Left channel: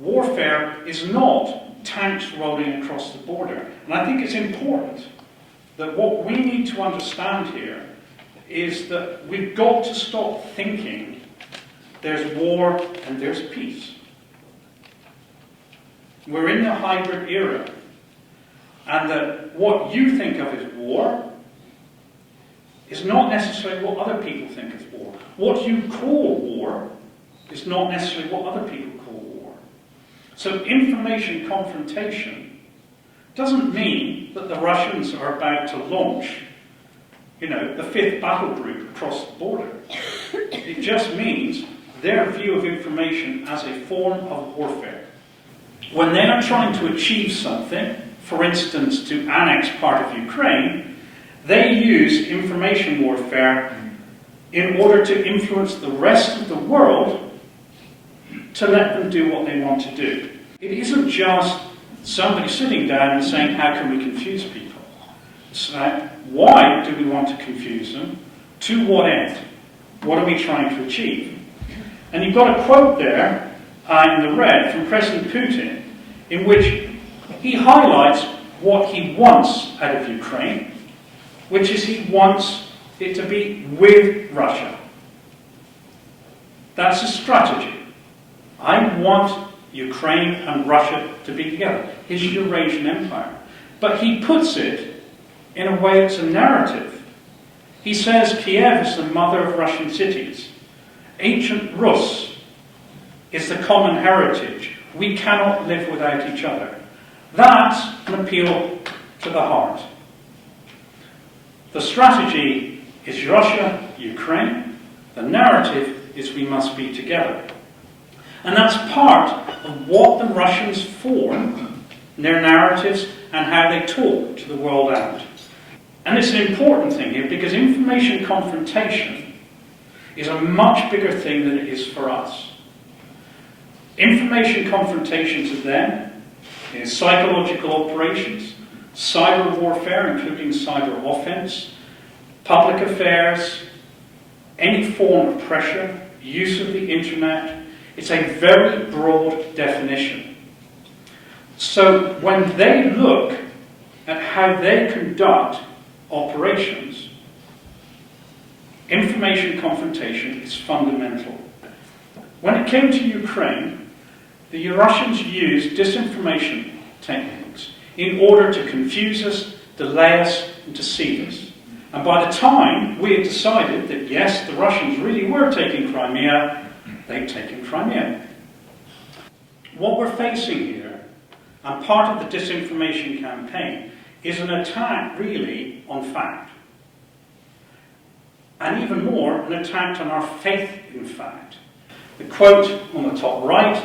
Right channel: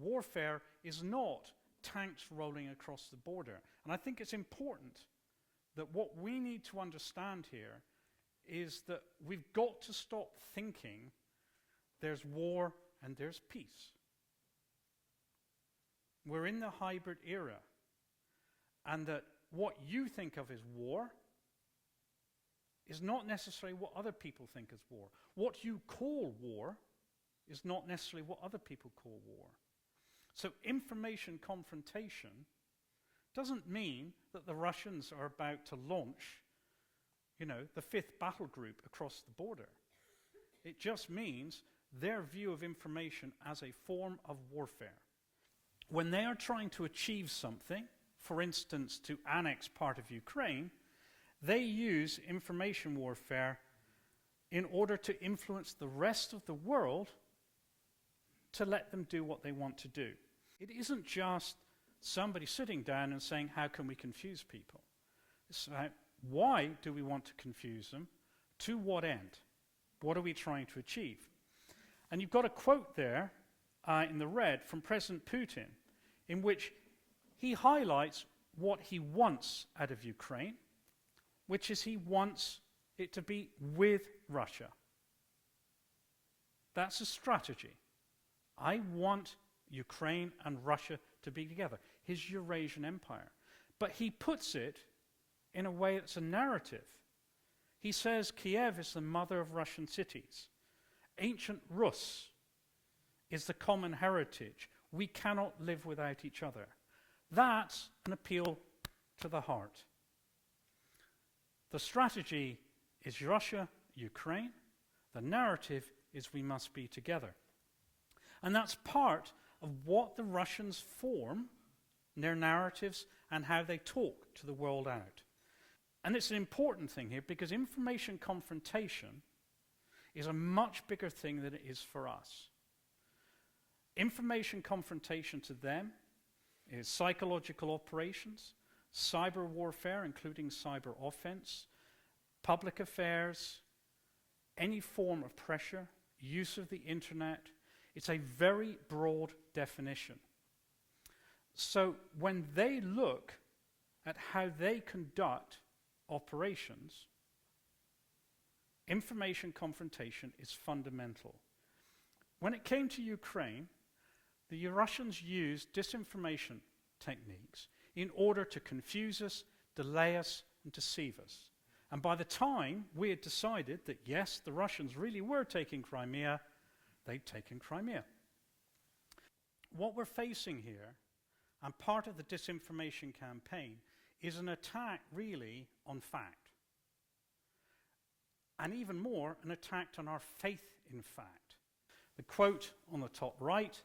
warfare is not tanks rolling across the border. And I think it's important that what we need to understand here is that we've got to stop thinking there's war and there's peace. We're in the hybrid era. And that what you think of as war is not necessarily what other people think is war. What you call war is not necessarily what other people call war. So information confrontation doesn't mean that the Russians are about to launch, the 5th battle group across the border. It just means their view of information as a form of warfare. When they are trying to achieve something, for instance, to annex part of Ukraine, they use information warfare in order to influence the rest of the world to let them do what they want to do. It isn't just somebody sitting down and saying, how can we confuse people? It's like, why do we want to confuse them? To what end? What are we trying to achieve? And you've got a quote there in the red from President Putin, in which he highlights what he wants out of Ukraine, which is he wants it to be with Russia. That's a strategy. I want Ukraine and Russia to be together, his Eurasian empire. But he puts it in a way that's a narrative. He says Kiev is the mother of Russian cities. Ancient Rus is the common heritage. We cannot live without each other. That's an appeal to the heart. The strategy is Russia, Ukraine. The narrative is we must be together. And that's part of what the Russians form, their narratives, and how they talk to the world out. And it's an important thing here, because information confrontation is a much bigger thing than it is for us. Information confrontation to them is psychological operations, cyber warfare, including cyber offense, public affairs, any form of pressure, use of the internet. It's a very broad definition. So when they look at how they conduct operations, information confrontation is fundamental. When it came to Ukraine, the Russians used disinformation techniques in order to confuse us, delay us, and deceive us. And by the time we had decided that, yes, the Russians really were taking Crimea, they'd taken Crimea. What we're facing here, and part of the disinformation campaign, is an attack really on fact. And even more, an attack on our faith in fact. The quote on the top right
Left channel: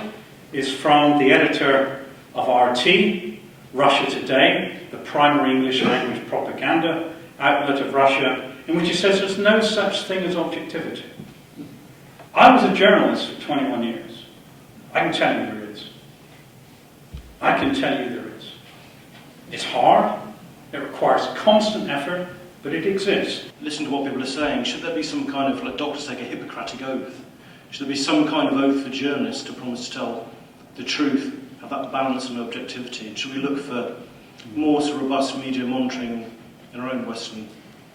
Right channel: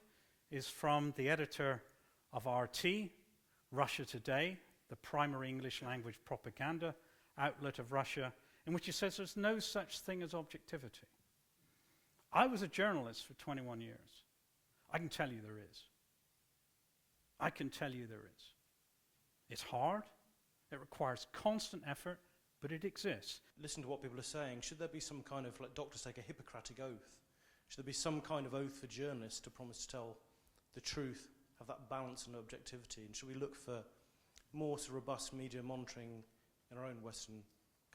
is from the editor of RT, Russia Today, the primary English language propaganda outlet of Russia, in which he says there's no such thing as objectivity. I was a journalist for 21 years. I can tell you there is. I can tell you there is. It's hard, it requires constant effort, but it exists. Listen to what people are saying. Should there be some kind of, like doctors take a Hippocratic oath, should there be some kind of oath for journalists to promise to tell the truth, have that balance and objectivity? And should we look for more sort of robust media monitoring in our own Western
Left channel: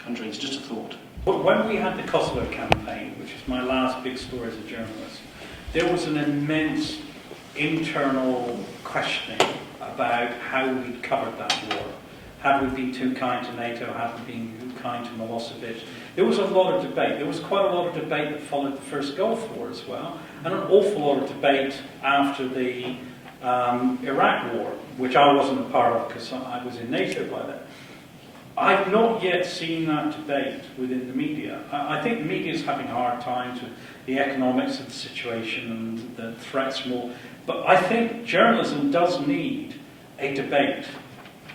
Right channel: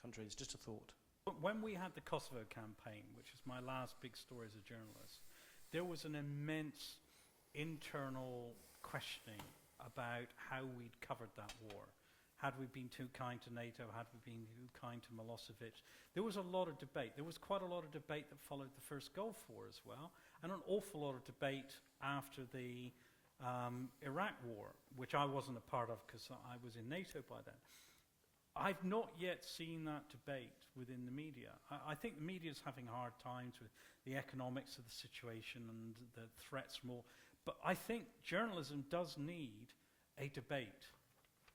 countries? Just a thought. When we had the Kosovo campaign, which is my last big story as a journalist, there was an immense internal questioning about how we'd covered that war. Had we been too kind to NATO? Had we been too kind to Milosevic? There was a lot of debate. There was quite a lot of debate that followed the first Gulf War as well, and an awful lot of debate after the Iraq War, which I wasn't a part of because I was in NATO by then. I've not yet seen that debate within the media. I think the media is having hard times with the economics of the situation and the threats more. But I think journalism does need a debate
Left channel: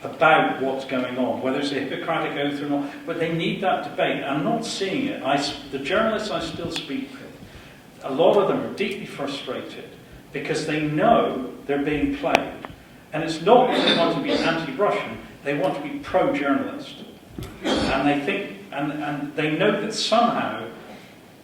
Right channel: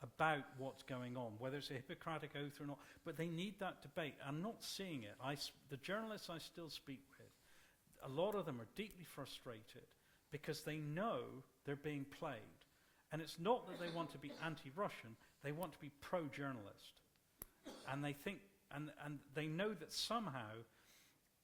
about what's going on, whether it's a Hippocratic oath or not, but they need that debate. I'm not seeing it. The journalists I still speak with, a lot of them are deeply frustrated because they know they're being played. And it's not that they want to be anti-Russian, they want to be pro-journalist. And they think, and they know that somehow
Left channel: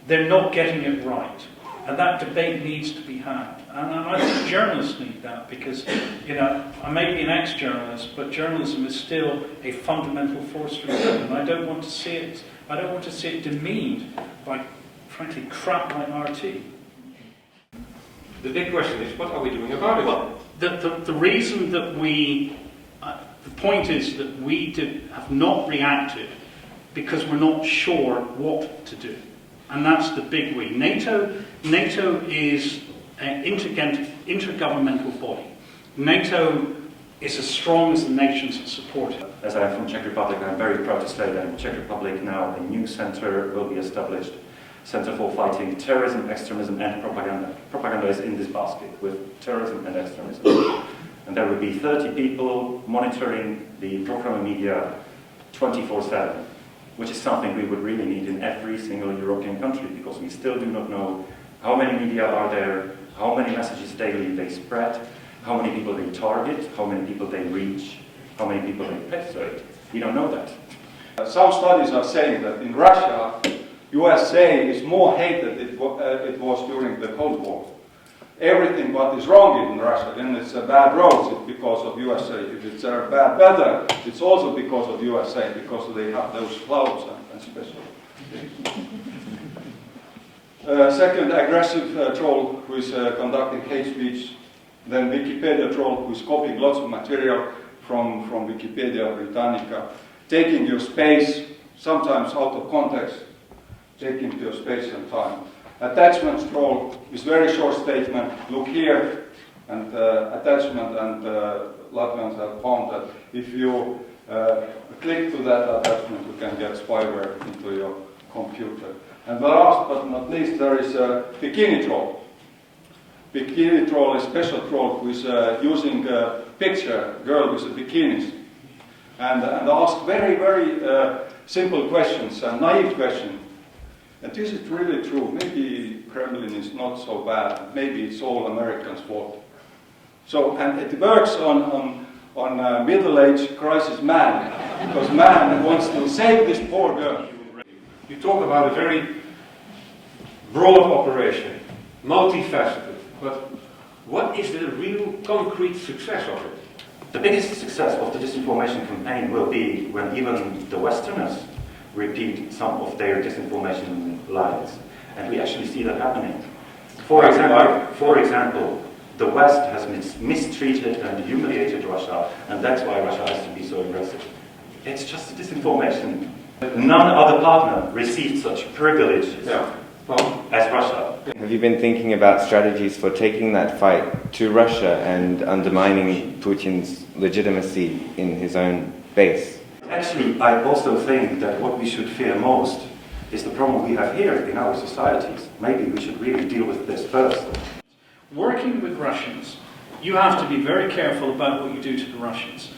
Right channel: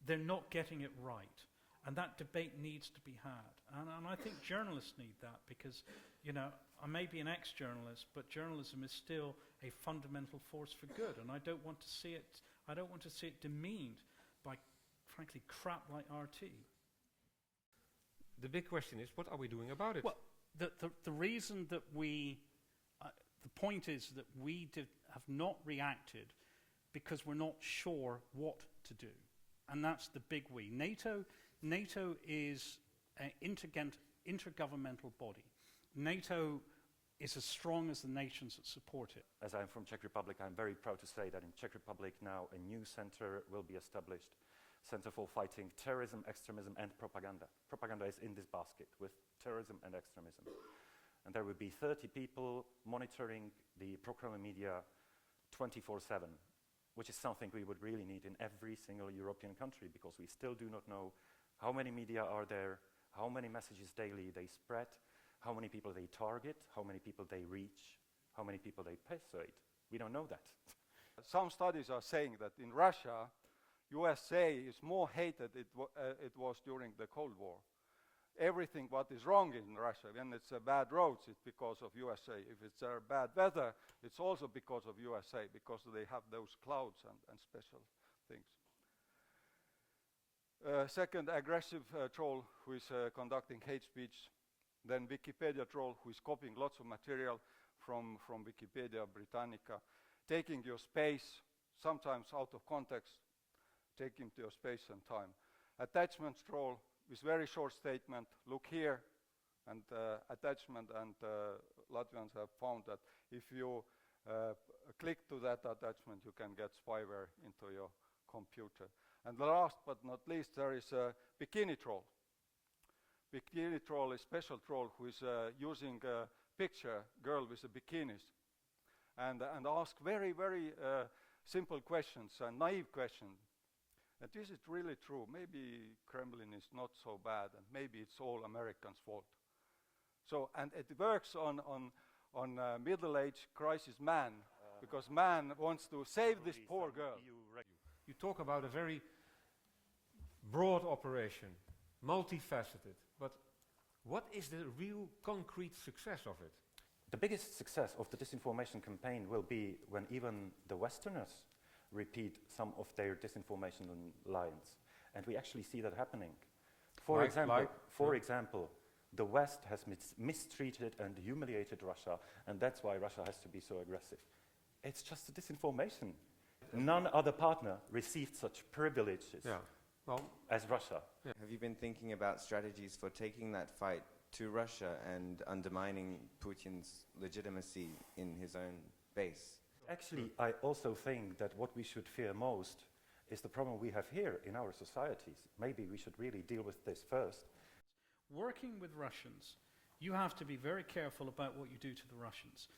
they're not getting it right. And that debate needs to be had. And I think journalists need that because, you know, I may be an ex-journalist, but journalism is still a fundamental force for good. And I don't want to see it demeaned by, frankly, crap like RT. The big question is, what are we doing about it? Well, the reason that the point is that we have not reacted because we're not sure what to do. And that's the big we. NATO is an intergovernmental body. NATO is as strong as the nations that support it. As I'm from Czech Republic, I'm very proud to say that in Czech Republic now a new center will be established. Center for Fighting Terrorism, Extremism and Propaganda. Propaganda is in this basket with terrorism and extremism. And there will be 30 people monitoring the pro-Kremlin media 24/7, which is something we would really need in every single European country, because we still do not know how many media are there, how many messages daily they spread, how many people they target, how many people they reach, how many people they persuade. We don't know that. Some studies are saying that in Russia, USA is more hated than it was during the Cold War. Everything what is wrong in Russia, then it's bad roads, it's because of USA. If it's bad weather, it's also because of USA, because they have those clouds and special things. Second, aggressive troll who is conducting hate speech. Then Wikipedia troll who is copying lots of material from Wikipedia Britannica. Taking your space, sometimes out of context, taking your space and time. Attachment troll is very short statement. Look here, and attachment, and Latvians have found that if you click to that attachment, you can get spyware into your computer. And last but not least, there is a bikini troll. Bikini troll is a special troll who is using a picture, girl with a bikinis, and ask very, very simple questions, naive questions. And this is really true. Maybe Kremlin is not so bad. Maybe it's all Americans' fault. So, and it works on middle-aged crisis man, because man wants to save this poor girl. You talk about a very broad operation, multifaceted, but what is the real concrete success of it? The biggest success of the disinformation campaign will be when even the Westerners repeat some of their disinformation lies. And we actually see that happening. For example, the West has mistreated and humiliated Russia, and that's why Russia has to be so aggressive. It's just a disinformation. None other partner received such privileges as Russia. Have you been thinking about strategies for taking that fight to Russia and undermining Putin's legitimacy in his own base? Actually, I also think that what we should fear most is the problem we have here in our societies. Maybe we should really deal with this first. Working with Russians, you have to be very careful about what you do to the Russians.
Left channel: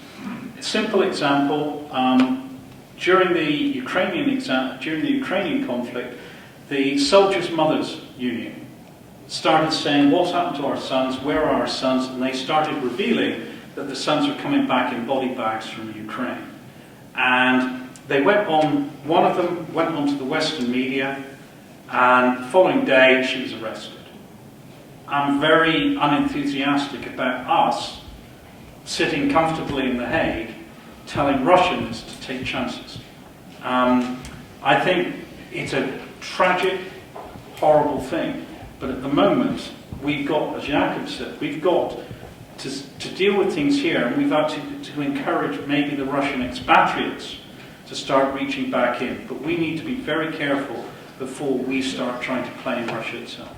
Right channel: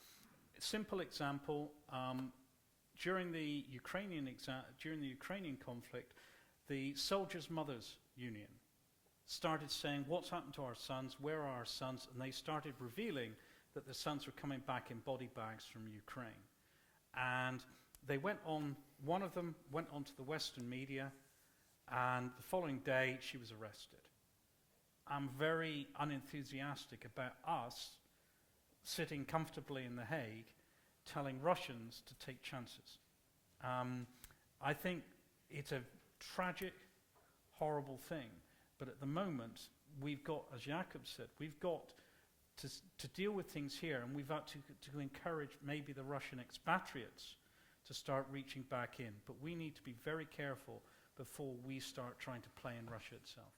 A simple example, during the Ukrainian conflict, the Soldiers' Mothers Union started saying, what's happened to our sons, where are our sons? And they started revealing that the sons were coming back in body bags from Ukraine. And they went on, one of them went onto the Western media, and the following day she was arrested. I'm very unenthusiastic about us sitting comfortably in The Hague telling Russians to take chances. I think it's a tragic, horrible thing, but at the moment we've got, as Jakob said, we've got to deal with things here, and we've got to encourage maybe the Russian expatriates to start reaching back in. But we need to be very careful before we start trying to play in Russia itself.